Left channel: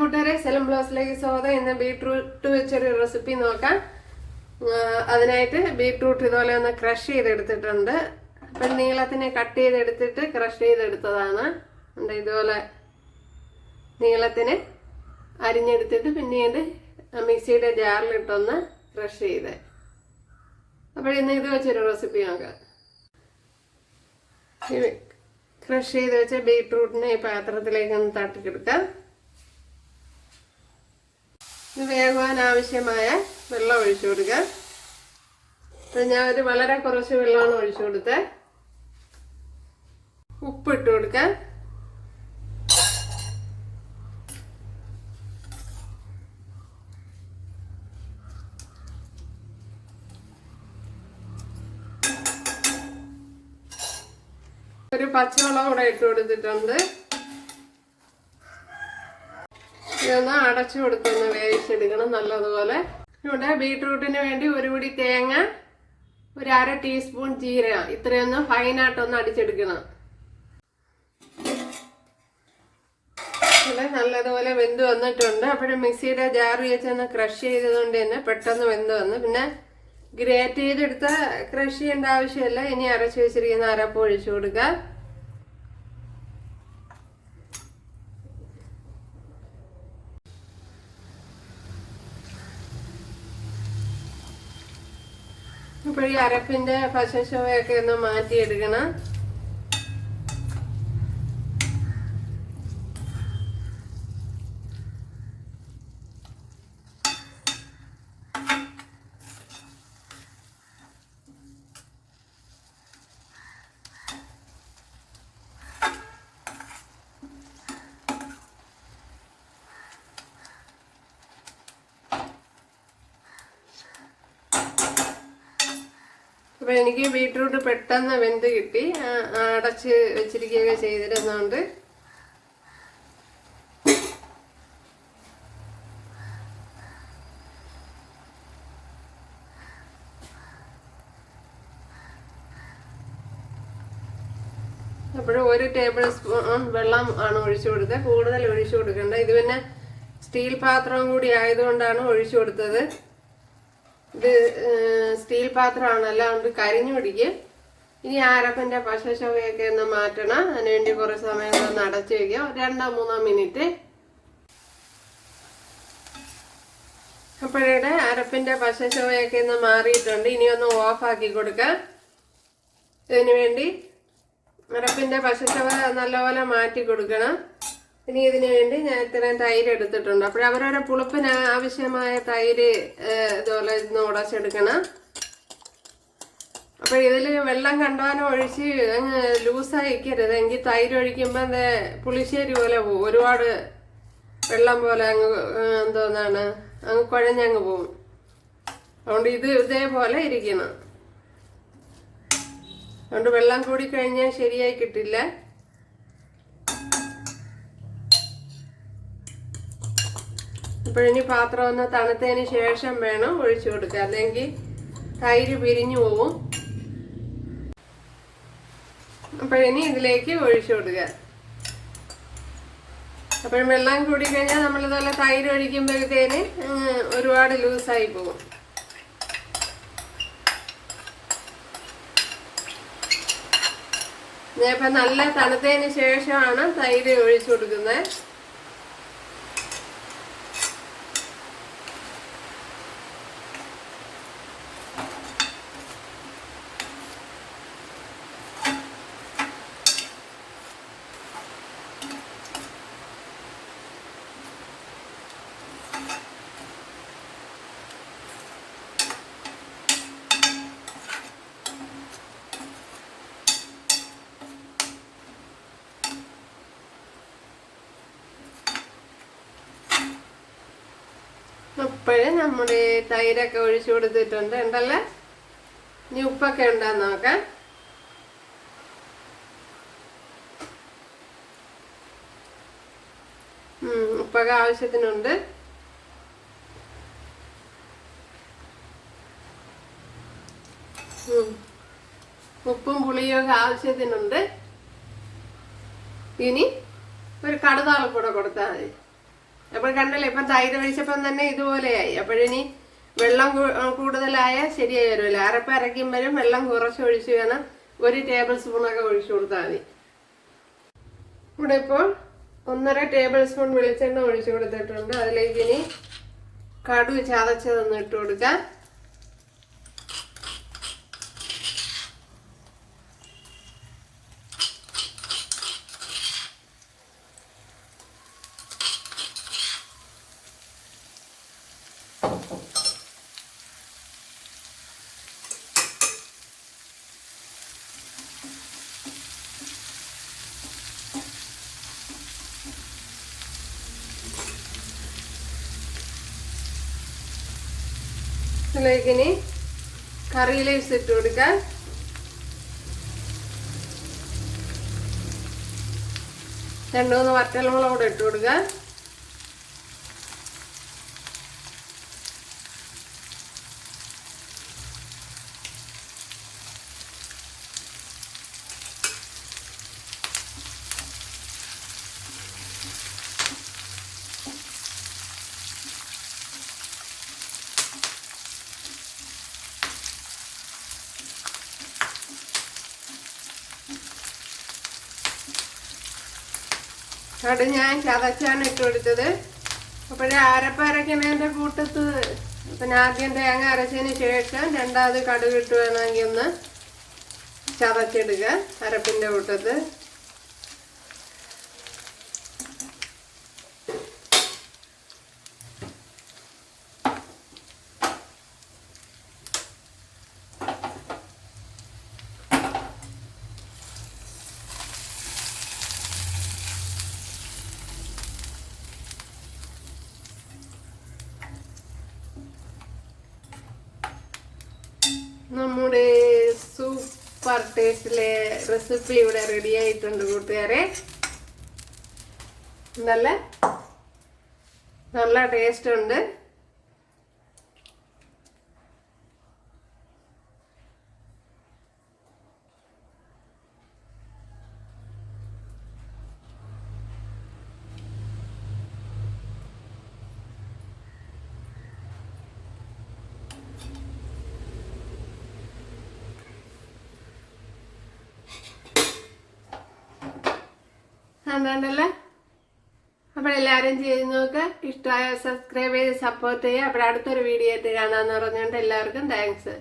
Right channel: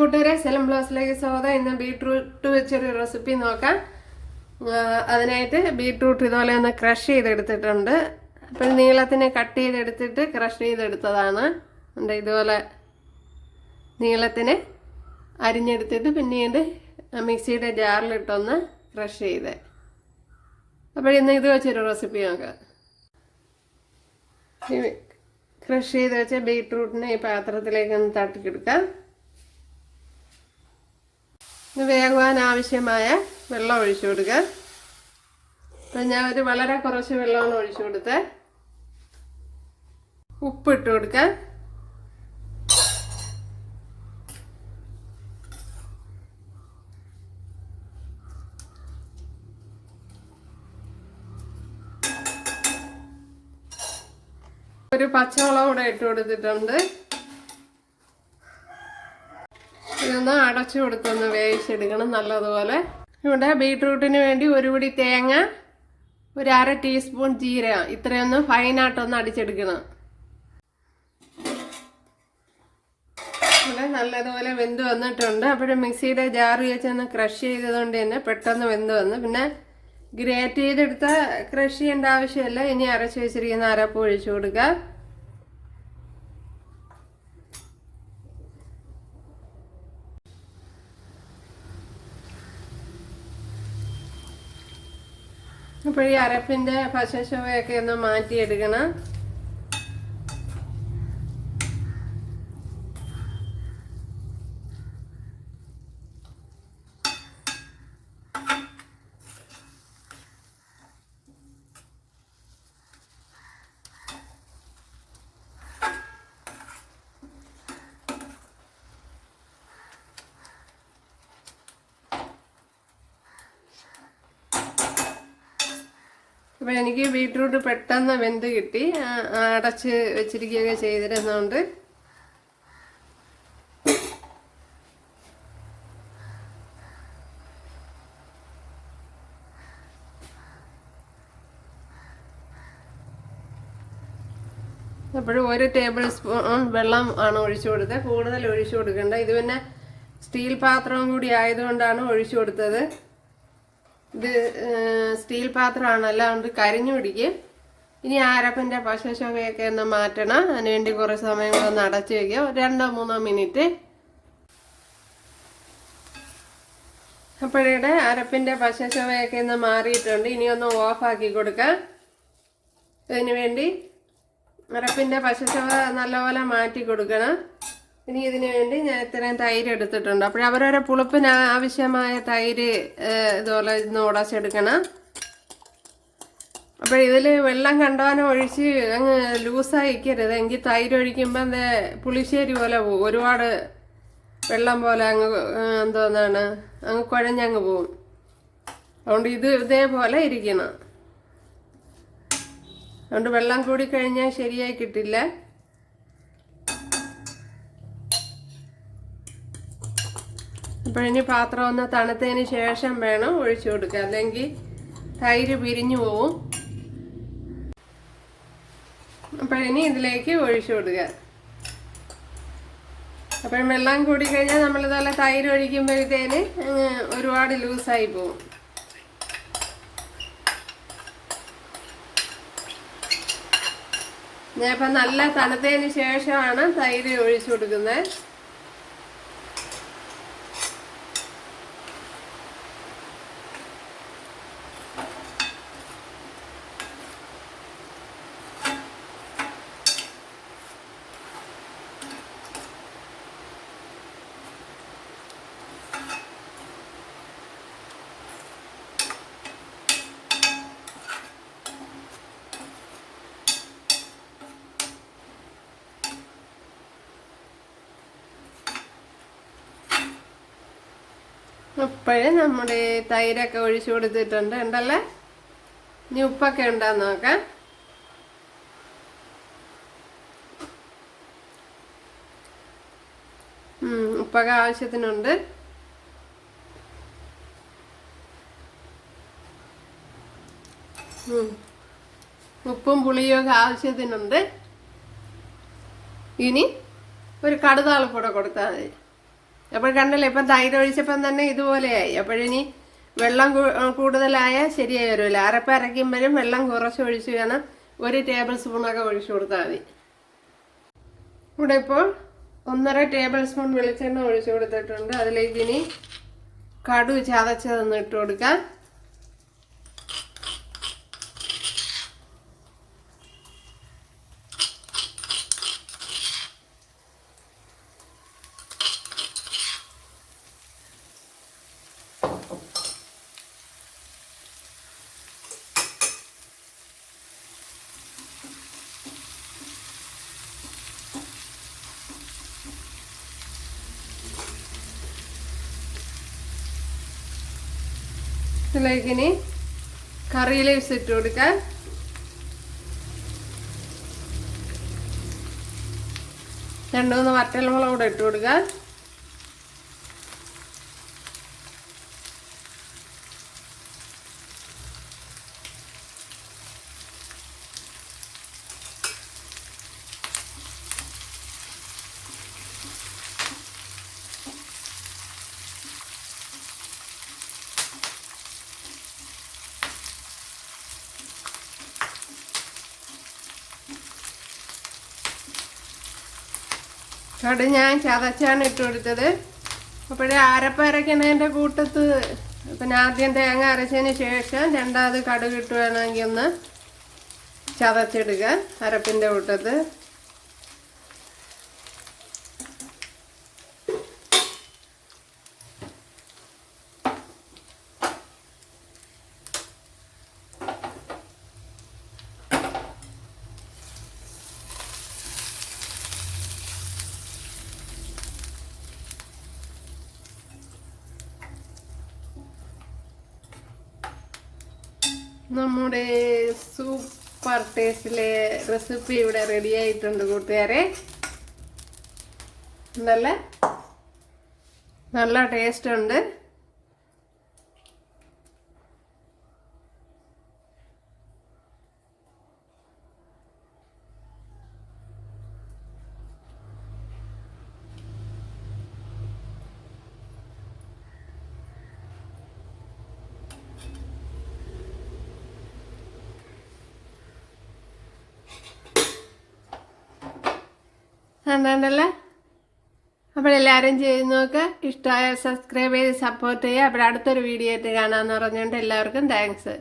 കൂട്ടുകാരെ സെലം ബ്ലൗസിലേക്ക് സ്വാഗതം ഇന്ന് ബീട്രൂട്ട് വെച്ചൊരു റെസിപ്പി നോക്കാം. അതിനായിട്ട് ബീട്രൂട്ട് ഇതുപോലെ ഒന്ന് ക്രഷ് ചെയ്തെടുത്തിട്ടുണ്ട്. അപ്പം നീളത്തിനെ കട്ട് ചെയ്തെടുത്തിട്ട് ക്രഷ് ചെയ്തെടുത്തതാണ്. ഉണ്ട് ഇതുപോലെ നീളത്തിന് അരിഞ്ഞെടുത്തിട്ട് പിന്നീട് മിക്സിയുടെ ജാറിലിട്ടൊന്ന് ക്രഷ് ചെയ്ത്. അപ്പോൾ ഇന്ന് ഇത് വെച്ചൊരു റെസിപ്പി നോക്കാം. ക്രഷ് ചെയ്ത് വെച്ച ബീട്രൂട്ടിനെ ഈ പാത്രത്തിലേക്ക് ഒന്ന് തട്ടിക്കെടുക്കാം ഇത് വേകുവാൻ ആവശ്യമായ വെള്ളം ഒഴിച്ചു കൊടുക്കുക അപ്പം ഞാൻ ഒരു വളരെ കുറച്ച് വെള്ളമാണ് ഒഴിച്ചു ഉപ്പ് ഇട്ട് കൊടുക്കുക ഒരു പച്ചമുളക് കൂടെ ഇട്ട് കൊടുത്തിട്ടുണ്ട്. ഇതൊന്ന് അടച്ചു കൊടുക്കുന്ന വേവിച്ചെടുക്കണം നല്ലതുപോലെ. ഇവിടെ ബീട്രൂട്ടിന് വേണ്ടി ഒരു പിടി തേങ്ങ ഒരു അര ടീസ്പൂൺ ജീര ഇത്രയൊന്ന് ഫൈനായിട്ടൊന്ന് അടിച്ചെടുക്കണം. ഇവിടെ നല്ലതുപോലെ വെന്ത് വന്നിട്ടുണ്ട്. അപ്പോഴും മിക്സിയുടെ ജാറ് വെച്ചൊന്ന് ക്രഷ് ചെയ്തതുകൊണ്ട് തന്നെ പെട്ടെന്ന് വെന്ത് വന്നു. പിന്നെ ഗ്രേറ്റ് ചെയ്തെടുത്ത ക്രഷ് ചെയ്യേണ്ട ആവശ്യമില്ല. ഇനി അരച്ച് വെച്ചിരിക്കുന്ന അരപ്പ് ഒഴിച്ചു കൊടുക്കുക ഇപ്പോൾ ഈ അരപ്പിന്റെ പശശോയൊക്കെ ഒന്ന് മാറ്റിയെടുക്കണം. അപ്പോൾ എനിക്ക് ബീട്രൂട്ട് പെട്ടെന്ന് വെന്ത് കിട്ടി. അടച്ച് വെച്ചിരിക്കുകയൊക്കെ ചെയ്തിരുന്നതുകൊണ്ട് അപ്പോഴും ഒരു ടേബിൾ സ്പൂൺ വെള്ളം ആണ് ഒഴിച്ചു കൊടുത്തത്. കൂടുതൽ ഒഴിച്ചു കൊടുക്കേണ്ട. ഇത് പിന്നെ സ്റ്റീൽ പാത്രം കൂടി ആയതുകൊണ്ടാണ് ഒഴിച്ചു കൊടുത്തത്. ഇത് സ്റ്റീൽ പാത്രമാണ്. അല്ലാണ്ട് കരിഞ്ഞു പിടിക്കും. ഇനി ആരപ്പന്റെ പശശവയൊക്കെ ഒന്ന് മാറ്റണം. അതിനുവേണ്ടി കുറേ സമയം ഒന്ന് അടച്ചു വയ്ക്കുക രണ്ടോ മൂന്നോ മിനിറ്റ്. അപ്പോഴേ അരപ്പിന്റെ പശശവയൊക്കെ ഒന്ന് മാറിയിട്ടുണ്ട്. ഇനി ഒന്ന് ഓഫാക്കി കൊടുക്കാം. ഇതിനു വേണ്ടി അരപ്പിന്റെ പശശവ നല്ലപോലെ മാറ്റി കൊടുക്കണം. ഇനി ഇതിനു വേണ്ടി ഞാൻ ഇത്രയും തൈര് എടുത്തിട്ടുണ്ട്. അപ്പോൾ അവരവരെ പുളിപ്പിന് ആവശ്യമായ തൈര് ഇതുപോലെ ഇന്ന് ഉടച്ചെടുക്കണം അപ്പോൾ ഇതിൽ വെള്ളം കണ്ടവാനം ഒഴിച്ച് അങ്ങ് ലൂസായിക്കരുത്. എങ്കിൽ തൈര് ഒഴിക്കുമ്പോൾ പുളിശ്ശേരി പോലെ പോകും ഒരുപാട് വെള്ളം പോലെ അങ്ങ് എന്തോന്നാണ് അങ്ങ് കുഴഞ്ഞങ്ങ് പോവും. അതുകൊണ്ട് ഇത് ഇതേപോലെ ഇരിക്കണം. അതുകൊണ്ട് വെള്ളം കൂടി കഴിഞ്ഞാൽ ശരിയായി കിട്ടില്ല. അപ്പോഴിനി പാത്രം ഒന്ന് തണുത്തതിന് ശേഷം വേണം ഒഴിച്ചു കൊടുക്കുക അല്ലെങ്കിൽ തൈര് പിരിഞ്ഞു പോവും. അപ്പോഴിനി ഇതിലേക്ക് ഒഴിച്ചു കൊടുക്കുക അപ്പോഴും വെള്ളം കൂടി കഴിഞ്ഞാൽ നമ്മളിതുപോലെ തൈര് ഒഴിക്കുമ്പോഴത്തേന് ഒരുപാട് ലൂസായി പോകും ഇപ്പം നല്ല തണുത്തതിന് ശേഷമാണ് തൈര് ഒഴിച്ചു കൊടുക്കുന്നത്. ഇപ്പോഴേ നമ്മുടെ തൈരൊക്കെ ഒഴിച്ചു കൊടുത്തിട്ടുണ്ട്. ഉണ്ടല്ലേ? ഇനി ഉപ്പൊക്കെ ഉണ്ടാന്ന് നോക്കാം. ഉപ്പൊക്കെ ആവശ്യത്തിനുണ്ട്. ഉപ്പും പുളിയൊക്കെ ആവശ്യത്തിനുണ്ട്. ഇനി ഒരു കടുതാളപ്പൂടെ കൊടുത്താൽ മതി. അപ്പോൾ കണ്ടല്ലോ ഇപ്പം തൈര് ഒഴിച്ചപ്പം തന്നെ ഇതുപോലെയായി. അപ്പോഴിനി വെള്ളം കൂടുതലായാൽ കൂടുതലായ ശരിയായി വരുമല്ലോ അരപ്പ് അരയ്ക്കുമ്പോഴും വെള്ളം കുറച്ച് ഒഴിച്ച് വേണം ഒരു ടേബിൾ സ്പൂണൊക്കെ ഒഴിച്ചു കൊടുത്താൽ മതി. ഇവിടെ ഇപ്പോൾ ഒന്നര ടേബിൾ സ്പൂൺ വെളിച്ചെണ്ണ ഒഴിച്ചു കൊടുത്തിട്ടുണ്ട്. അതിലേക്ക് ഇനി കടു ചതച്ചതൊന്ന് ഇട്ട് കൊടുക്കാം. ഇതിലേക്ക് ഇനി കറി ലീവ്സ് ഇട്ട് കൊടുക്കാം രണ്ടു മൂന്ന് വറ്റൽമുളകൂടെ ഇട്ട് കൊടുക്കാം കടു ഞാൻ ചതച്ചാണ് ഇട്ട് കൊടുത്തത് അപ്പോഴേ അരപ്പ് അരയ്ക്കണതിന്റെ കൂട്ടത്ത്. പിന്നെ ആദ്യം തേങ്ങ അരച്ചതിന് ശേഷം രണ്ടാമത് കടുക് ഇട്ട് വേണമെങ്കിൽ ഒന്ന് ചതച്ചിടുക അരപ്പിന്റെ കൂട്ടത്ത് നമ്മുടെ സൂപ്പർ ടേസ്റ്റിലെ റെസിപ്പി ഇവിടെ റെഡി ആയിട്ടുണ്ട് കൂട്ടുകാരെ. നല്ല നല്ല ടേസ്റ്റ് ഉണ്ട്. കണ്ടല്ലേ അപ്പോൾ എല്ലാവരും ചെയ്ത് നോക്ക്. ഇഷ്ടമായ സബ്സ്ക്രൈബ് ചെയ്ത് സപ്പോർട്ട് ചെയ്യുക. അപ്പോൾ അടുത്തൊരു വീഡിയോ ആയിട്ട് കാണാമെന്ന് പറഞ്ഞുകൊണ്ട് എല്ലാവർക്കും താങ്ക്സ്